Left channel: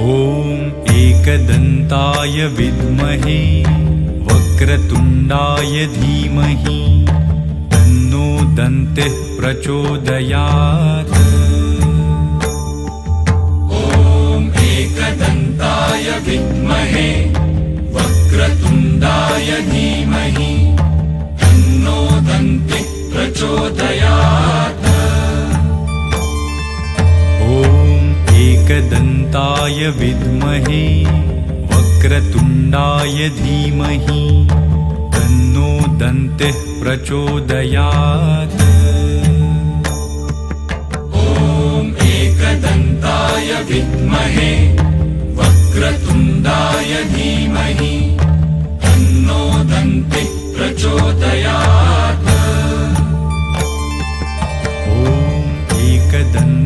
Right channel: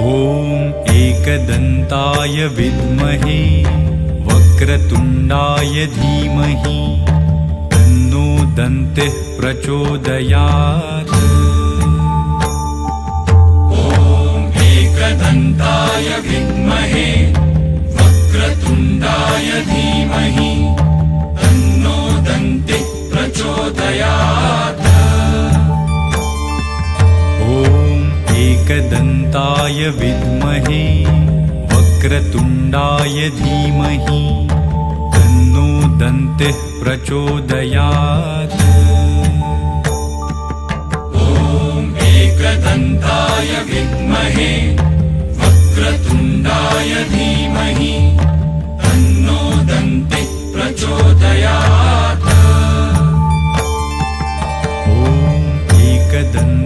ॐ एकदन्ताय विद्महे वक्रतुण्डाय धीमहि तन्नो दन्तिः प्रचोदयात्। ॐ एकदन्ताय विद्महे वक्रतुण्डाय धीमहि तन्नो दन्तिः प्रचोदयात्। ॐ एकदन्ताय विद्महे वक्रतुण्डाय धीमहि तन्नो दन्तिः प्रचोदयात्। ॐ एकदन्ताय विद्महे वक्रतुण्डाय धीमहि तन्नो दन्तिः प्रचोदयात्। ॐ एकदन्ताय